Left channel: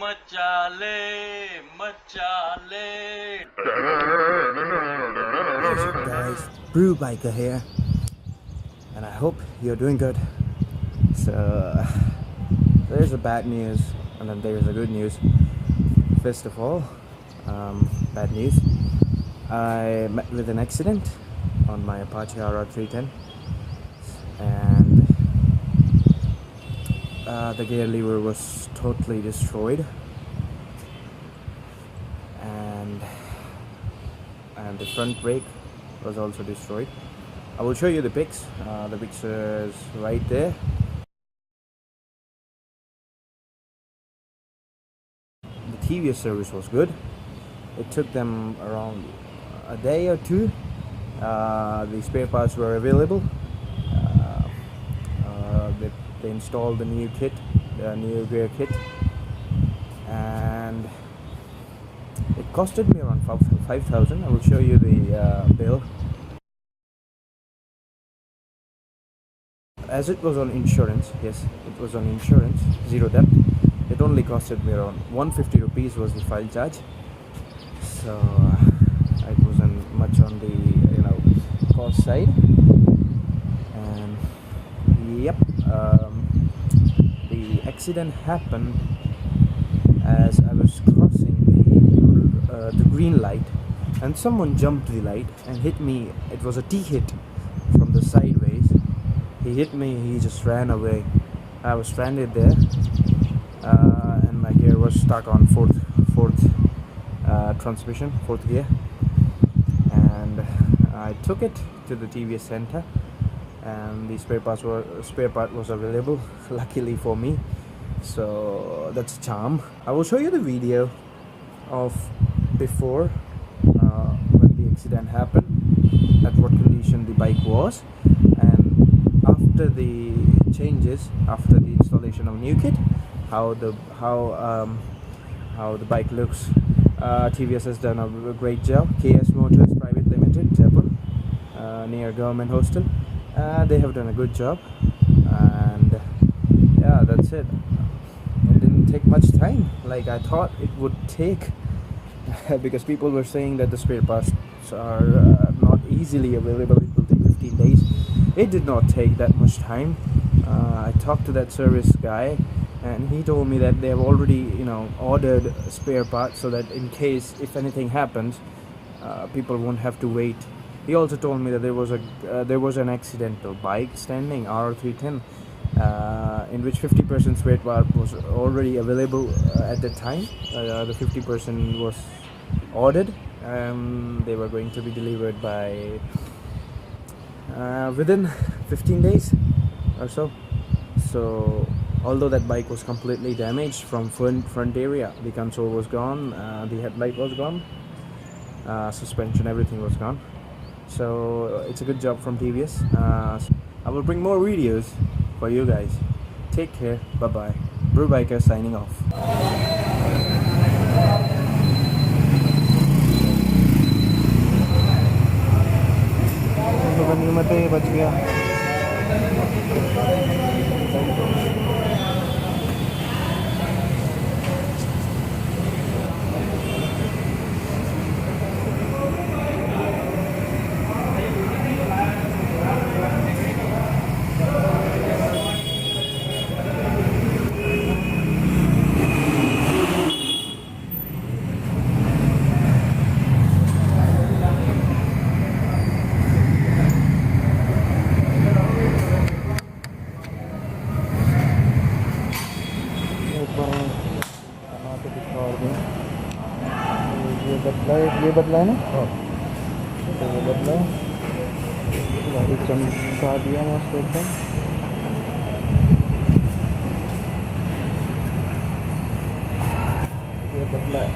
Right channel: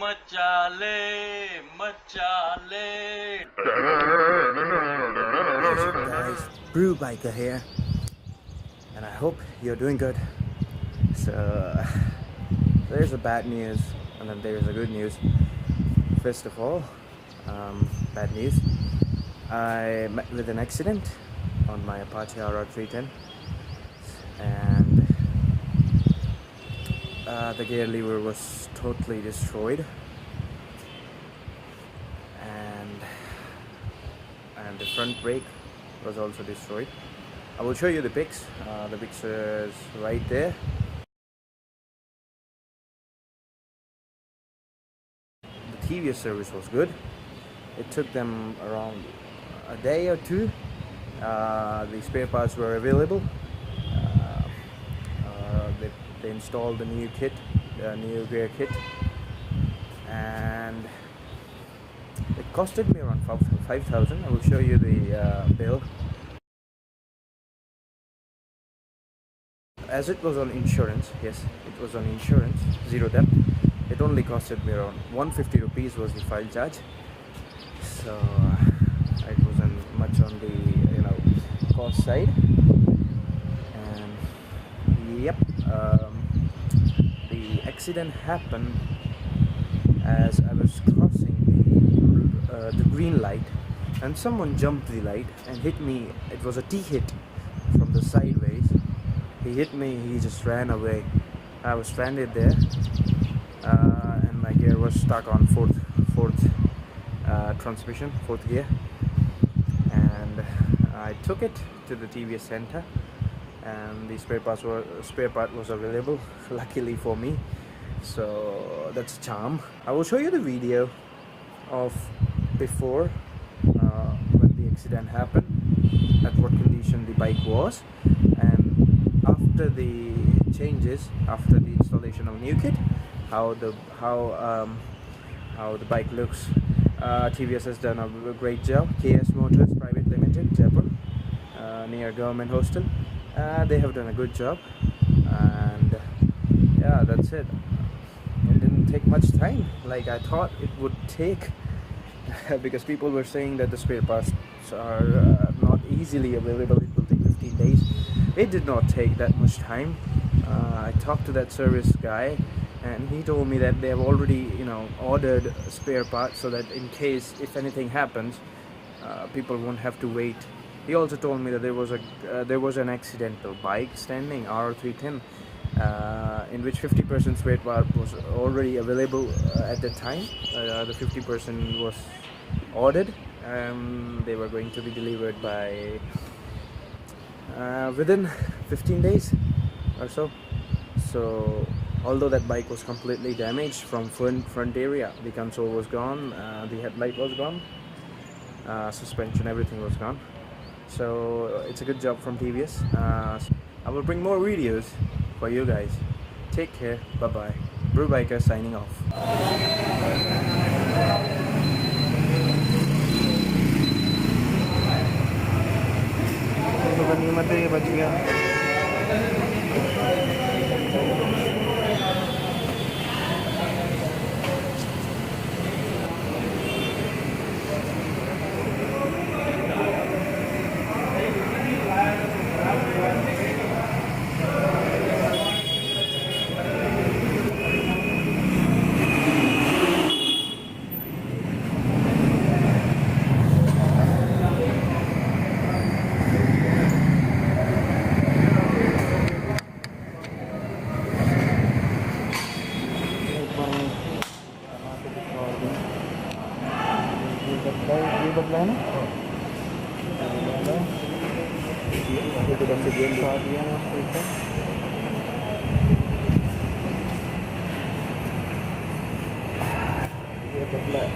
मचाले मचाले. Guys, Brew Biker here, and I hope you're doing good. So there's a bad news and then there's a good news. First of all, bad news. I met with an accident on my Apache RR310, and the gear lever was totally destroyed, and the front brake was also destroyed. I will show you the pics. The pictures right there. The TVS service was good. It took them around a day or two. The spare parts were available. They installed the new kit, the new gear kit, and it costed me around 5,000. I will show you the bill. As it was on insurance, yes, it was on insurance, zero debt. It only costed me around 150 rupees was the file charge. So it wasn't much on the cost side. And yep, the accident happened as I was crossing the green light, and someone jumped the light and hit me. It was a T-hit from the sideways. He hit me, he just ran away. I was stranded there, and my gear was stuck on fourth transmission, fourth gear. And I took it to the TVS center, and the spare part was available, luckily for me. So that's a charm. I will show you the video of before when the accident happened, at what condition the bike was, and after the changes, after the installation of new kit, how the bike looks. TVS has done a great job. KS Motors Private Limited, Jaipur, near government hostel. They have done a good job, and yeah, that's it. It didn't take much time like I thought it would take, because people were saying that the spare parts are not easily available. It will take 15 days. It did not take that much time. I talked to that service guy, and he told me that they have already ordered spare parts, so that in case if anything happens, people won't have to wait. He also told me that there was an accidental bike standing RR310, in which 50% spare part was already available at the time. The 50% was ordered, and they were going to be delivered by within 15 days or so. So although that bike was completely damaged from front area, the console was gone, the headlight was gone, suspension, everything was gone. So it's a good job from TVS. I will bring more videos for you guys. Take care. Bye bye. Brew Biker signing off. बच गया. ये बदला है ना, ये बदला एकदम दिखा दिया मैं उसको एकदम. ये बदला है.